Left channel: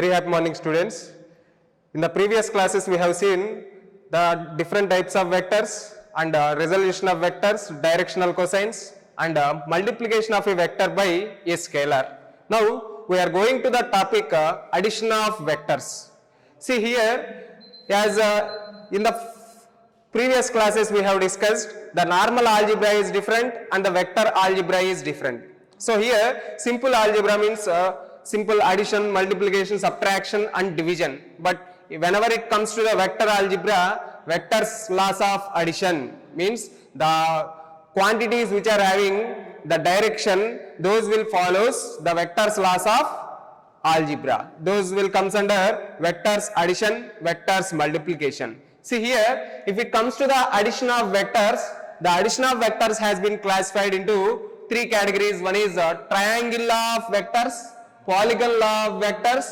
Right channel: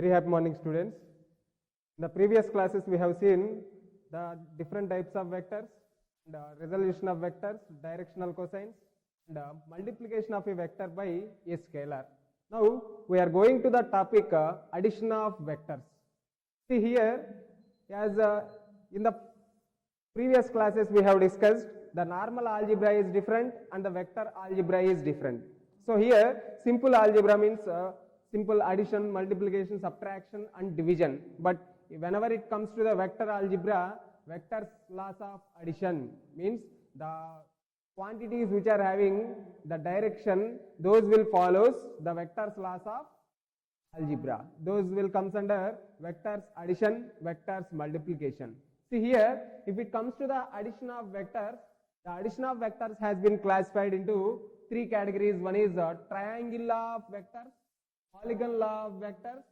Very happy morning, students. In the previous classes, we have seen the different types of vectors and resolution of vectors, directional cosines, and multiplication of a vector by a scalar. Now, we are going to the topic addition of vectors. See here, as in the previous classes we have discussed, the normal algebra is different and the vector algebra is different. So here, simple algebra means simple addition, multiplication, subtraction and division. But whenever it comes to the vector algebra, vectors laws of addition means the quantities which are having the direction, those will follows the vectors laws of algebra. Those will comes under vectors addition, vectors multiplication. See here, if it comes to the addition of vectors, the addition of vectors has been classified into three categories. One is triangle law of vectors, polygon law of vectors,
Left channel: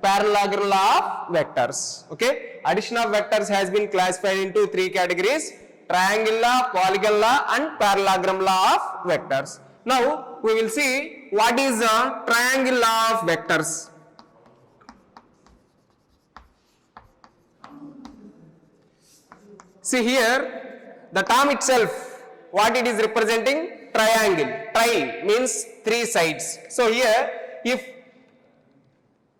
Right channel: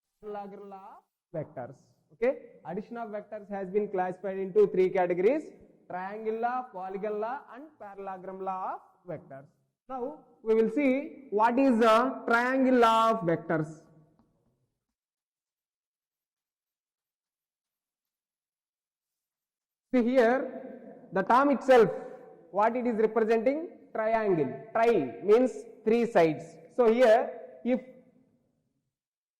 parallelogram law of vectors. Okay, addition of vectors has been classified into three categories: triangle law, polygon law and parallelogram law of vectors. Now we will see what is a triangle law of vectors. See here, the term itself, what it is representing? Triangle. Tri means three sides. So here, if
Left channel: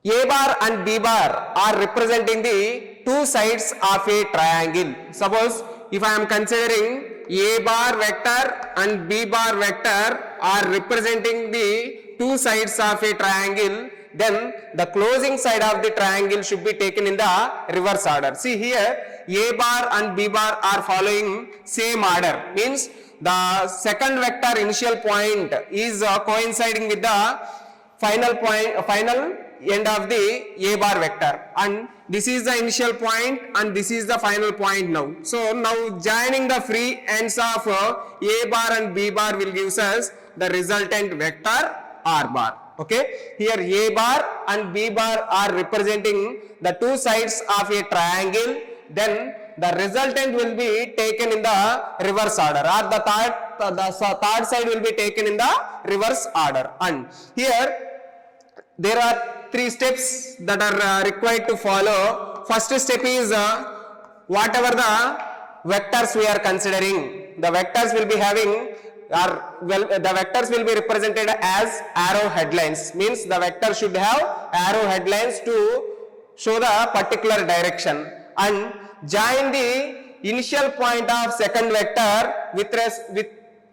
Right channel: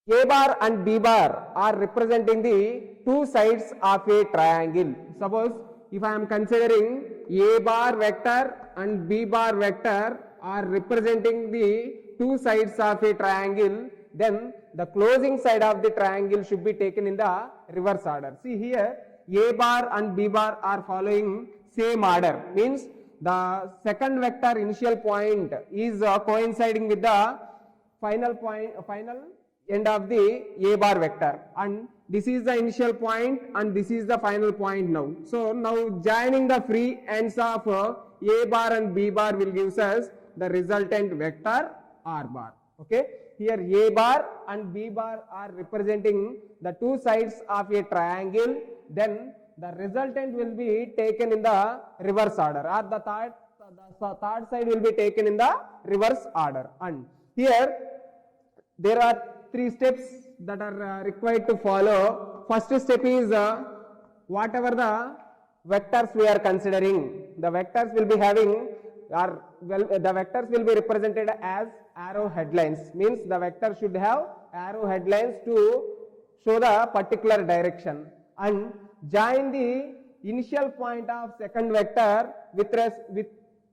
A bar and B bar are representing the two sides of a triangle. Suppose if I am considering A bar vector and B bar vector are representing the two sides of a triangle, then the closing side of the triangle should be taken in the reverse order. See here, A bar and B bar are following same order, means the second vector initial point is coinciding with the final end of the A bar vector, and this is the initial point and this is the final point now. So now joining the free ends of A bar and B bar will give us the resultant vector R bar. Okay, here A bar and B bar are representing the two sides of a triangle, then the resultant will be taken in the reverse order, or the third side will be taken in the reverse order. And here there are three steps that are required to follow. First step is whatever the vectors we are considering, the vectors will be having the vectors will be represented as arrow headlines, means the vector should have arrow headlines to show the particular direction, and join the initial point of second vector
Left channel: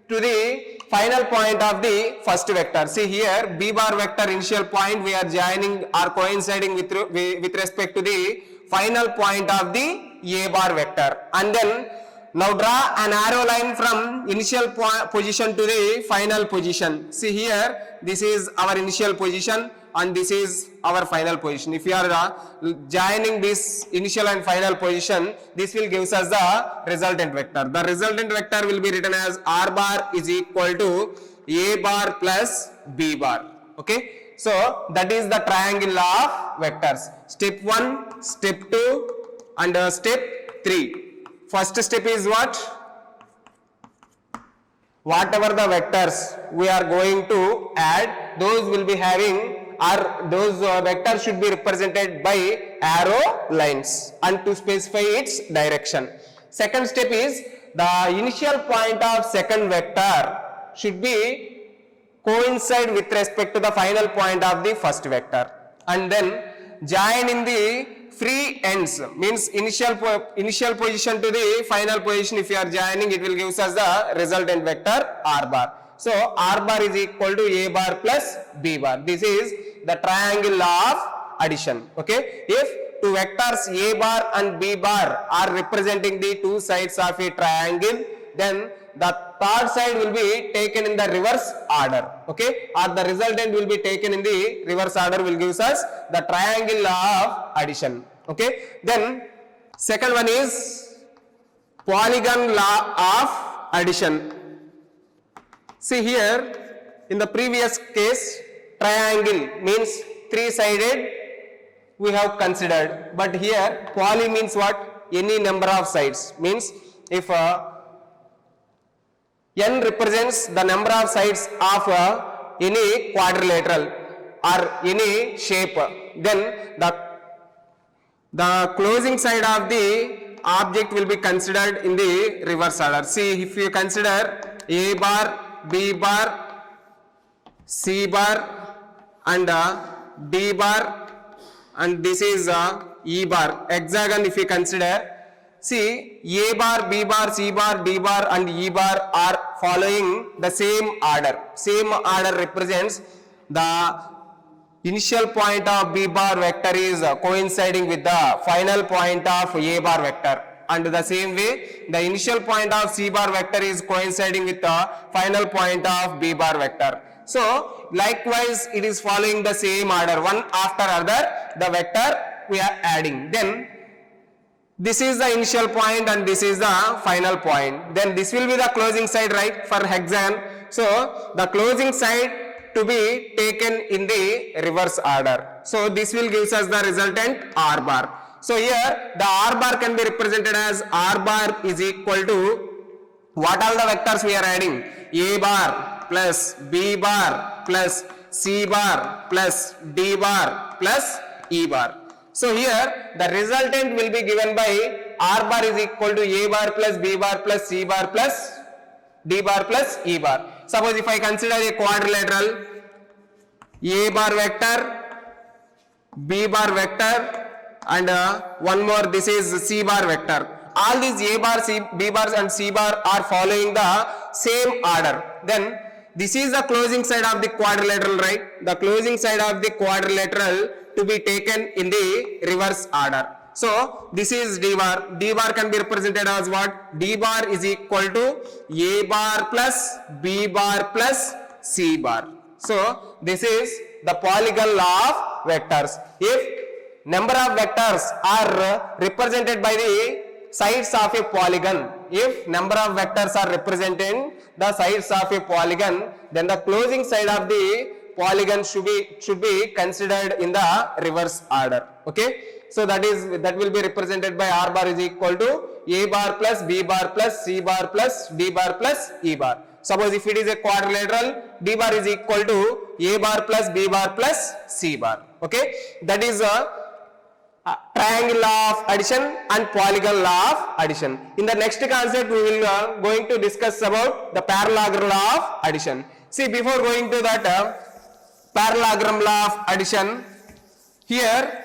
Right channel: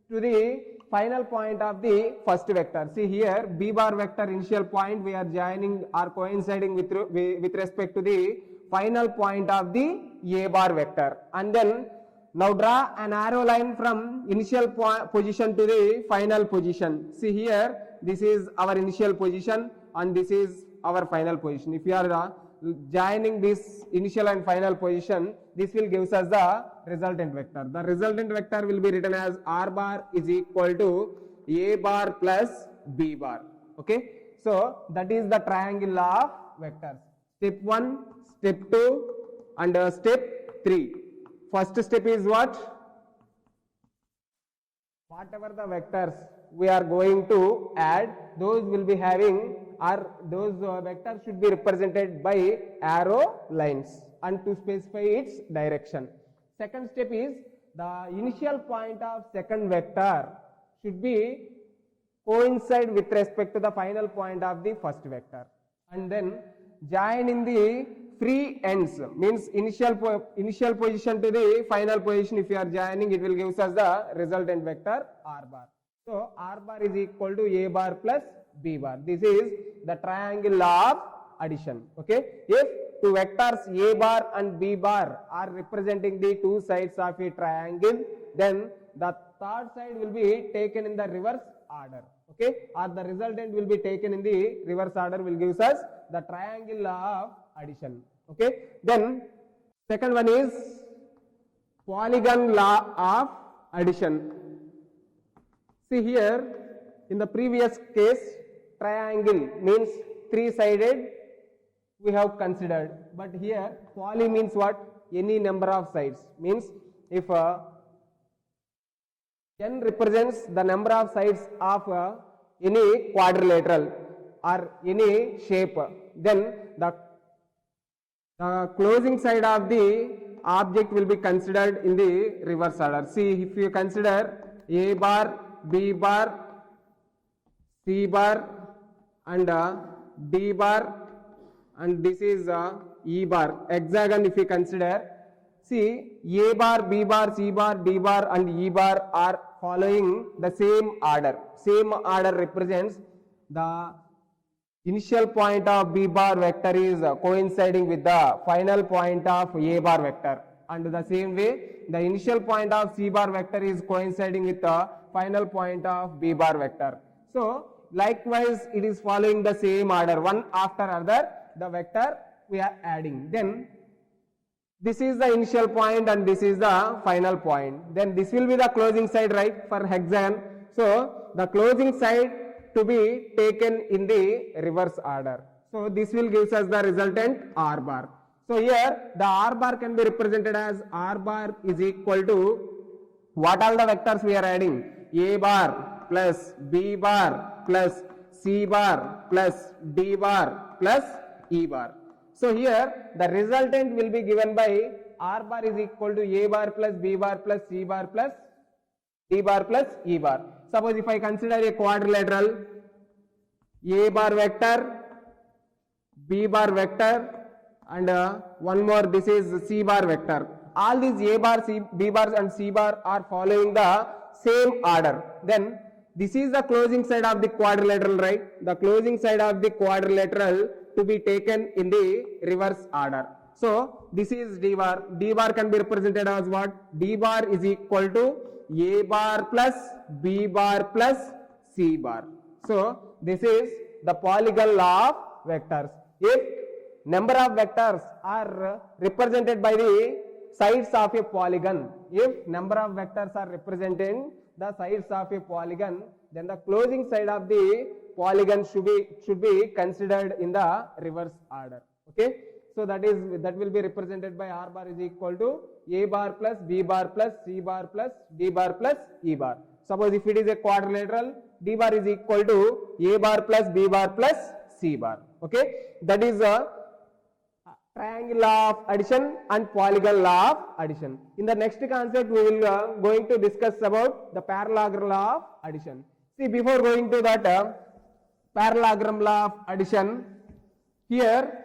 to the final point of the first vector. See here, B bar vector initial point we are joining or coinciding with respect to the final point of the A bar vector, and then now draw an arrow line from initial position to the final position. See here, this is our initial position and this is our final position. If you are joining this initial and final position, this will give us the resultant vector. The resultant vector will be written as R bar is equal to A bar plus B bar. Okay, so that is the triangle law of vectors. Step 1, step 2 and step 3. First step is what? Whatever the vectors we are going to add, those will be having, or those vectors should be represented by arrow lines and to specify its direction. Second step is the initial point of second vector should be coincide with respect to the final point of the first vector, and then join in the free ends, means initial position to the final position. If you are joining, it will give us the resultant vector R bar. So R bar is equal to A bar plus B bar. This is the triangle law of addition. Okay, if two vectors A bar and B bar are representing the two sides of a triangle, then the third side will be taken in the reverse order. Okay, or the resultant will be taken in the reverse order, will give us the triangle law of addition. Okay, then second one is polygon law of addition. See here, in the previous case, triangle means three-sided we have considered, but here poly means what? Any number of sides, means if n represents the number of sides of any quadrilateral or any shape, then the closing side of the object will be considered in the reverse order. See, if you consider A bar, B bar, C bar and D bar, and this is E bar, hexagon if you consider. See, A bar, B bar, C bar, D bar and E bar are following the same order. Same order represents the initial point of B bar vector is coinciding with the final point of A bar vector, and the same way the initial point of C bar vector is coinciding with the final point of B bar vector. So likewise it is following the same order, one after other the vector we are adding. Then this is the initial point and this is the final point. Then this will be the closing side, right, for hexagon. So the closing side to be taken in the reverse order. So this will gives us the resultant R bar. So here the R bar can be represented as R bar is equal to what all the vectors we are adding? A bar plus B bar plus C bar plus D bar plus E bar. So here the resultant will be given by R bar is equal to A bar plus B bar plus C bar plus D bar plus E bar. Suppose if I consider a quadrilateral, A bar vector, B bar vector and one more, this is C bar vector. All these A bar, B bar and C bar are following the same order. Then this is the closing side of the quadrilateral, right? The closing side of the quadrilateral to be taken in the reverse order. So this is D bar. D bar can be represented as what? D bar is equal to A bar plus B bar plus C bar. So this is the polygon law of vectors. If number of vectors are represented by the sides of a polygon, if number of vectors are representing the sides of a polygon, then the closing side of the polygon should be considered in the reverse order. Okay, so that will be represented by R bar is equal to A bar plus B bar plus C bar plus D bar plus E bar. Suppose if it is a quadrilateral, D bar is equal to A bar plus B bar plus C bar. Okay, that is a triangle law of addition and polygon law of addition. In the next concept we will going to discuss about the parallelogram law of addition. See, before going to that parallelogram law of addition, here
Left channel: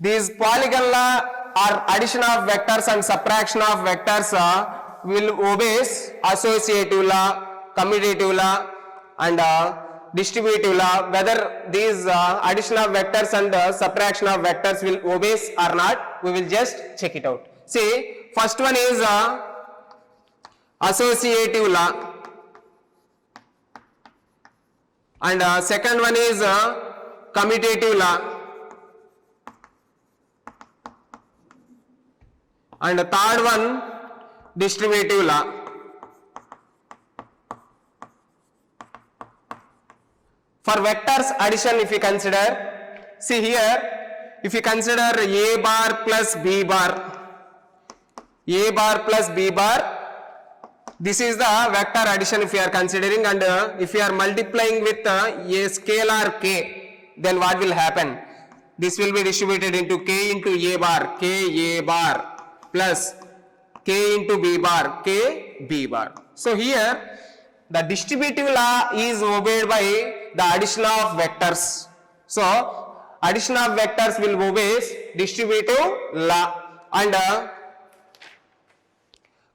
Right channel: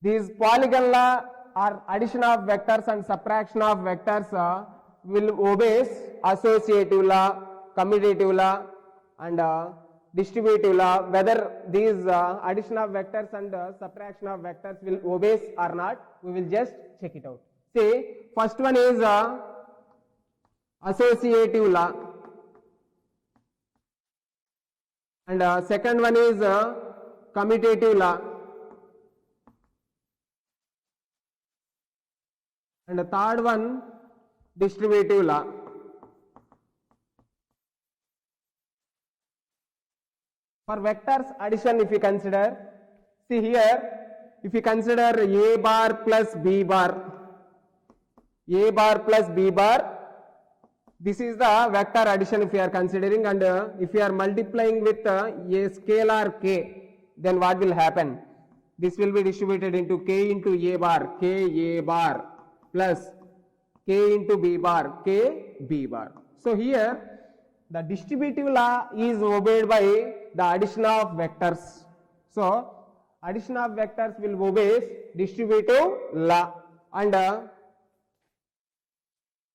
these polygon law or addition of vectors and subtraction of vectors will obey associative law, commutative law and distributive law. Whether these addition of vectors and subtraction of vectors will obey or not, we will just check it out. See, first one is associative law and second one is commutative law and the third one distributive law. For vectors addition, if you consider, see here, if you consider A bar plus B bar, A bar plus B bar, this is the vector addition if you are considering, and if you are multiplying with a scalar k, then what will happen? This will be distributed into k into A bar, k A bar plus k into B bar, k B bar. So here the distributive law is obeyed by the addition of vectors. So addition of vectors will obey distributive law, and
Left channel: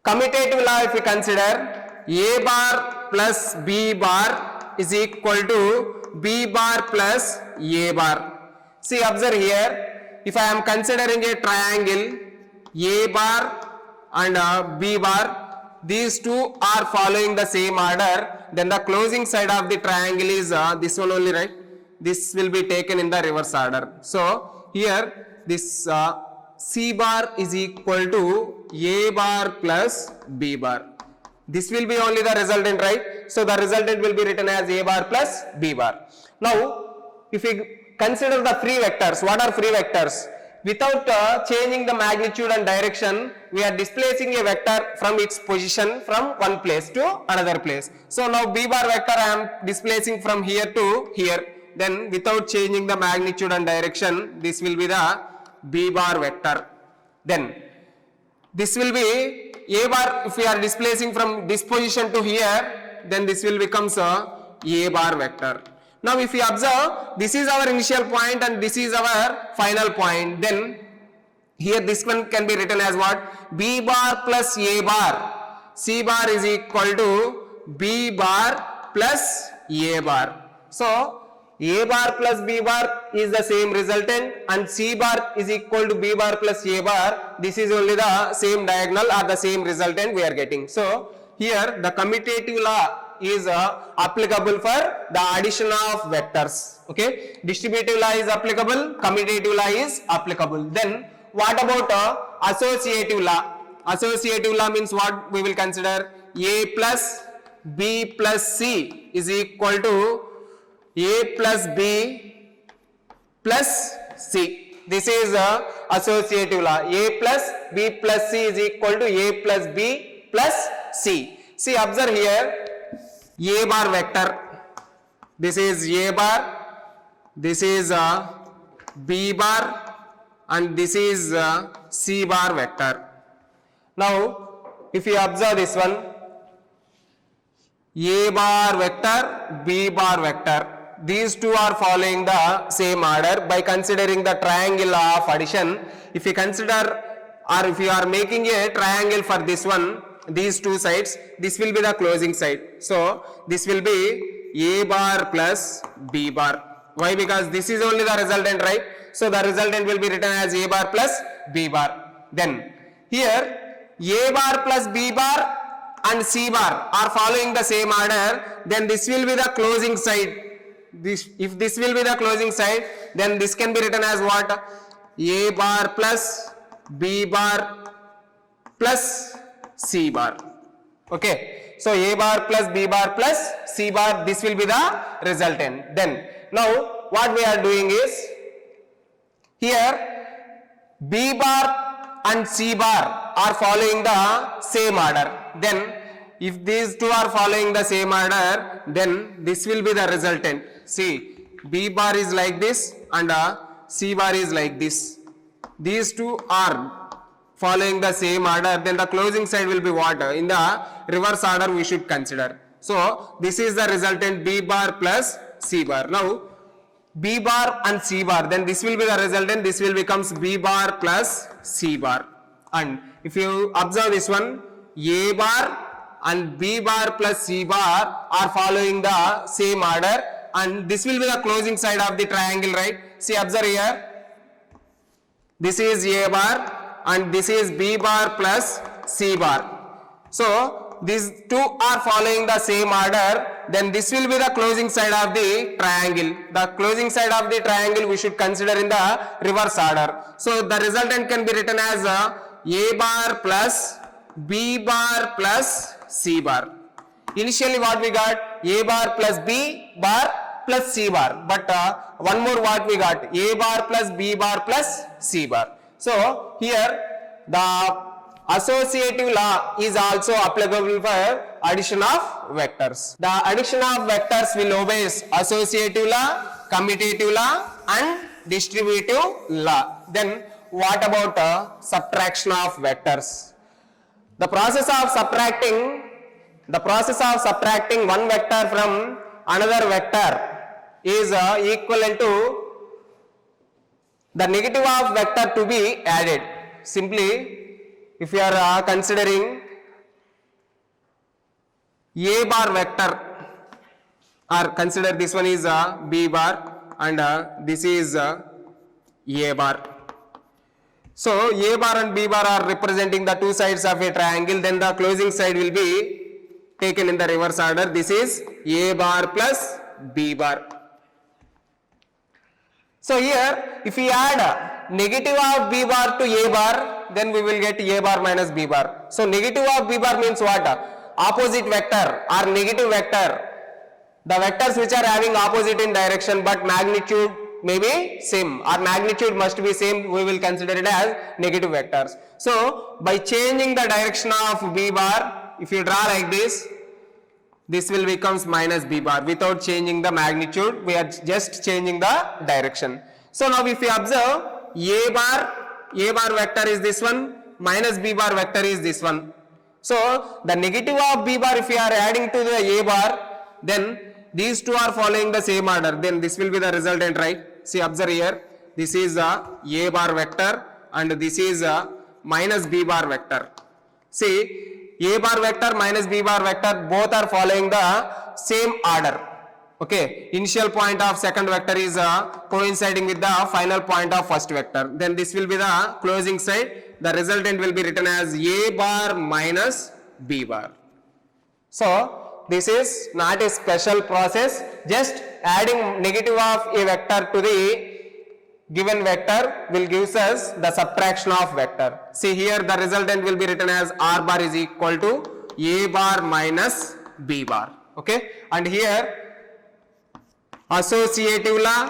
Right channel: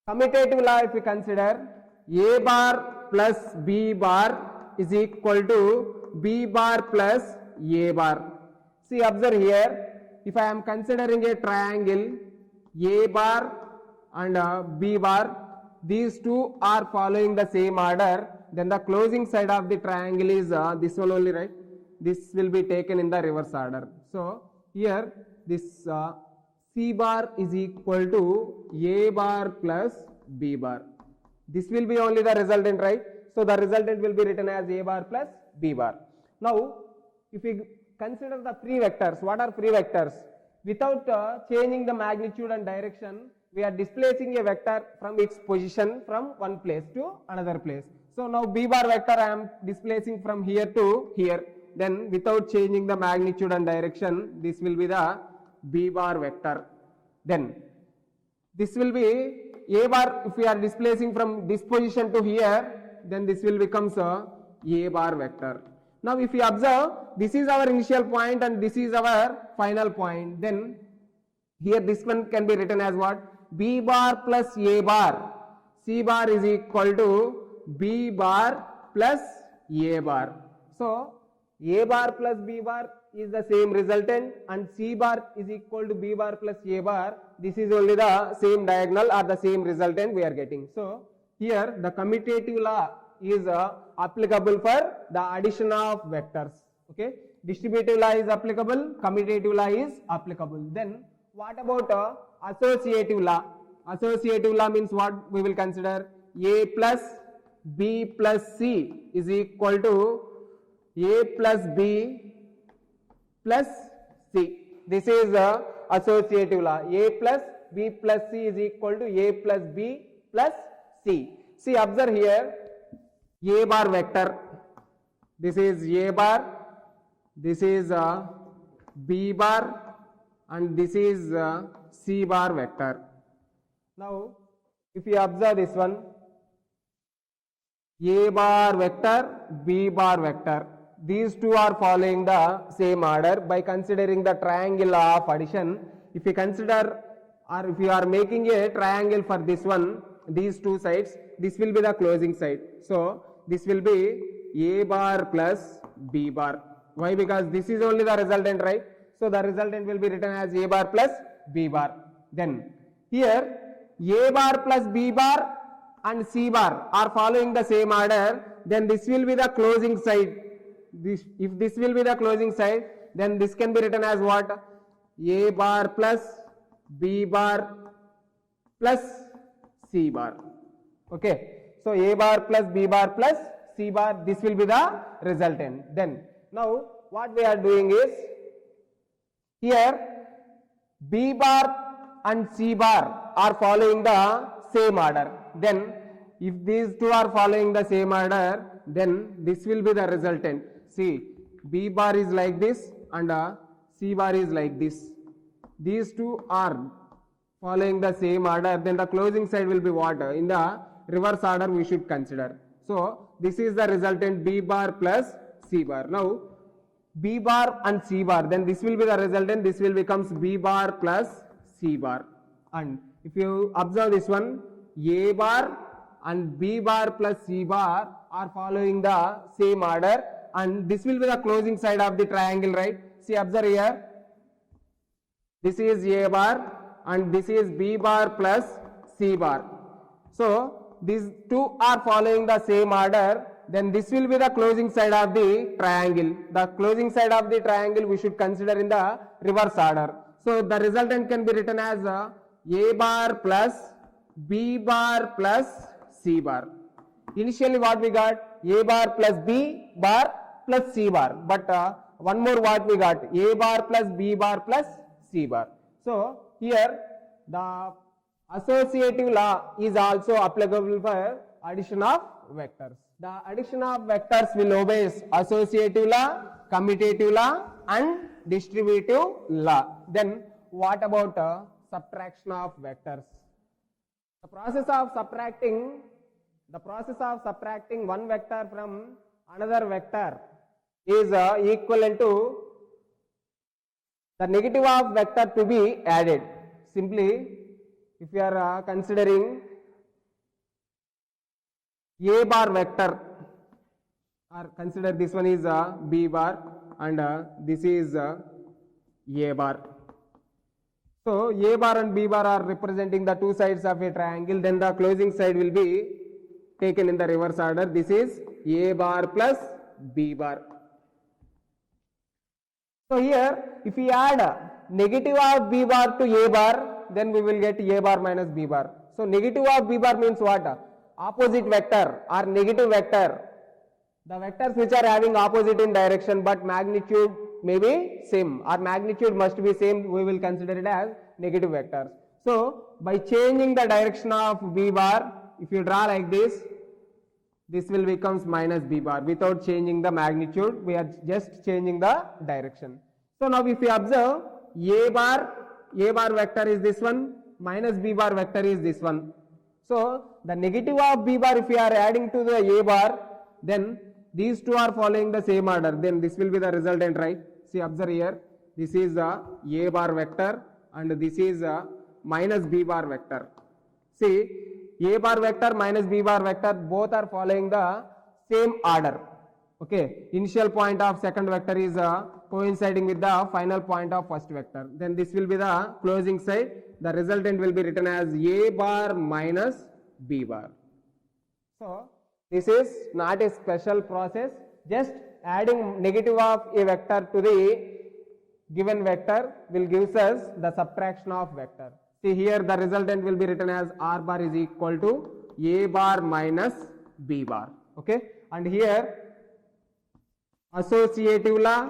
commutative law if you consider, A bar plus B bar is equal to B bar plus A bar. See, observe here, if I am considering a triangle A bar and B bar, these two are following the same order, then the closing side of the triangle is this one only, right? This will be taken in the reverse order. So here this C bar is equal to A bar plus B bar. This will be only the resultant, right? So the resultant will be written as A bar plus B bar. Now if we consider the free vectors, what are free vectors? Without changing the magnitude and direction, we are displacing a vector from its position from one place to another place. So now B bar vector I am displacing from here to here. then without changing the magnitude and direction, this will be the B bar vector. Then this will be A bar. If we are displacing from this position to here, then this will becomes A bar vector. Now if we observe, this is our initial point and this is our final point, then here this one can be written as what? B bar plus A bar. C bar is equal to B bar plus A bar. So A bar plus B bar is the same resultant and C bar is equal to B bar plus A bar. This is only the same diagonal or the same resultant we are getting. So here the commutative law is applicable for the addition of vectors. Okay, distributive law is applicable, commutative law is applicable. Then what about associative law? Associative law means what we will consider? A plus B plus C is equal to A plus B plus C. This is associative law. A plus B plus C is equal to A plus B plus C. See, observe here, A bar vector. This is A bar, this is B bar, and this is C bar vector. Now, if you observe this one, A bar vector, B bar vector, these two are following the same order. By considering the triangle of addition, if you consider or if you are making a triangle for this one, these two sides, this will be the closing side. So this will be A bar plus B bar. Why? Because this is only the resultant, right? So the resultant will be written as A bar plus B bar. Then here A bar plus B bar and C bar are following the same order, then this will be the closing side. If this will be the closing side, then this can be written as what? A bar plus B bar plus C bar. Okay, so A bar plus B bar plus C bar, this will be the resultant. Then now what we are doing is, here B bar and C bar are following the same order. Then if these two are following the same order, then this will be the resultant. See, B bar is like this and C bar is like this. These two are following the same order, then the closing side will be what? In the reverse order we should consider. So this is the resultant B bar plus C bar. Now B bar and C bar, then this will be the resultant, this will becomes B bar plus C bar. And if you observe this one, A bar and B bar plus C bar are following the same order, and this will be the closing side of the triangle, right? See, observe here, this is A bar and this is B bar plus C bar. So these two are following the same order, then this will be the closing side of the triangle. The closing side of the triangle we should consider in the reverse order. So the resultant can be written as A bar plus B bar plus C bar. Initially what we got? A bar plus B bar plus C bar. But one more what we got? A bar plus B bar plus C bar. So here the associative law is also applicable for addition of vectors. The addition of vectors will obey associative law, commutative law and distributive law. Then what about subtraction of vectors? The process of subtracting one vector from another vector is equivalent to the negative of vector to be added. Simply, if you are considering A bar vector, or consider this one is B bar and this is A bar. So A bar and B bar are representing the two sides of a triangle, then the closing side will be taken in the reverse order. This is A bar plus B bar. So here if we add negative of B bar to A bar, then we will get A bar minus B bar. So negative of B bar means what? Opposite vector or negative vector. The vectors which are having opposite in direction but magnitude may be same, or magnitude must be same, we will consider it as negative vectors. So by changing the direction of B bar, if you draw like this, this will becomes minus b bar without changing the magnitude. We are just changing the direction. So now if you observe, a bar vector is this one, minus b bar vector is this one. So the negative of b bar, if you are adding to the a bar, then these two are following the same order, then this will be the resultant, right? See, observe here, this is a bar vector and this is a minus b bar vector. See, a bar vector minus b bar vector both are following the same order. Okay, initial point of second vector is coinciding with the final point of first vector. Then this will be the closing side. The resultant will be written as a bar minus b bar. So this is not a special process. Just adding negative of a vector to the given vector will gives us the subtraction of vector. See here, the resultant will be written as r bar is equal to a bar minus b bar. Okay, and here associative law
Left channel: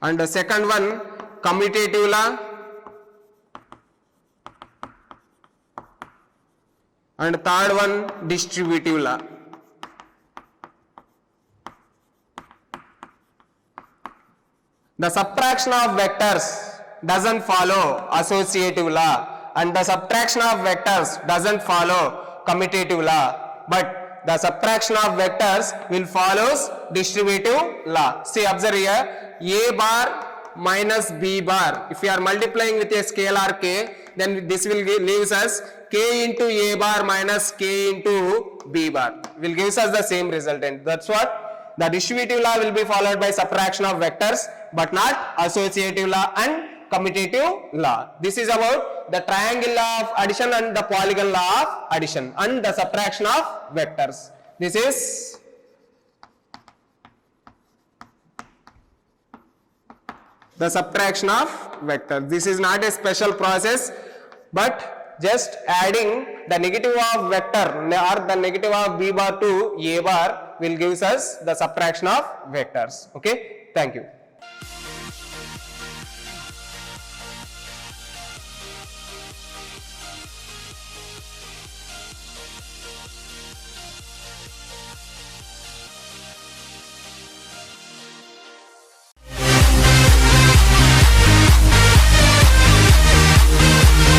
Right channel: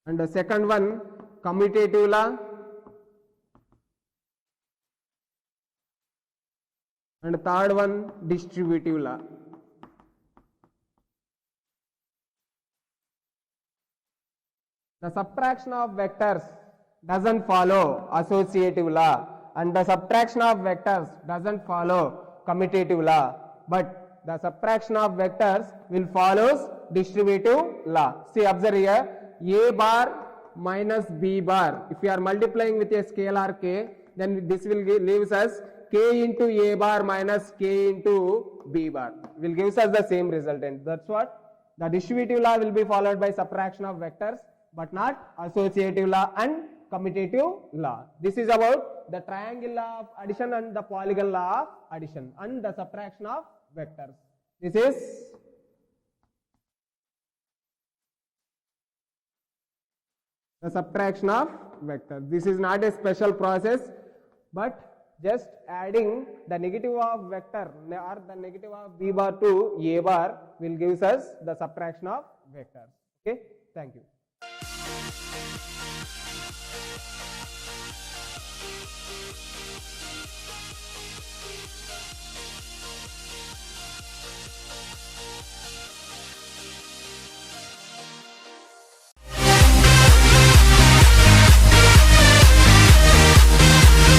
and the second one commutative law and third one distributive law. The subtraction of vectors doesn't follow associative law and the subtraction of vectors doesn't follow commutative law, but the subtraction of vectors will follows distributive law. See, observe here, a bar minus b bar. If you are multiplying with a scalar k, then this will leaves us k into a bar minus k into b bar. Will gives us the same resultant. That's what the distributive law will be followed by subtraction of vectors, but not associative law and commutative law. This is about the triangle law of addition and the polygon law of addition and the subtraction of vectors. This is the subtraction of vectors. This is not a special process, but just adding the negative of vector or the negative of b bar to a bar will gives us the subtraction of vectors. Okay, thank you.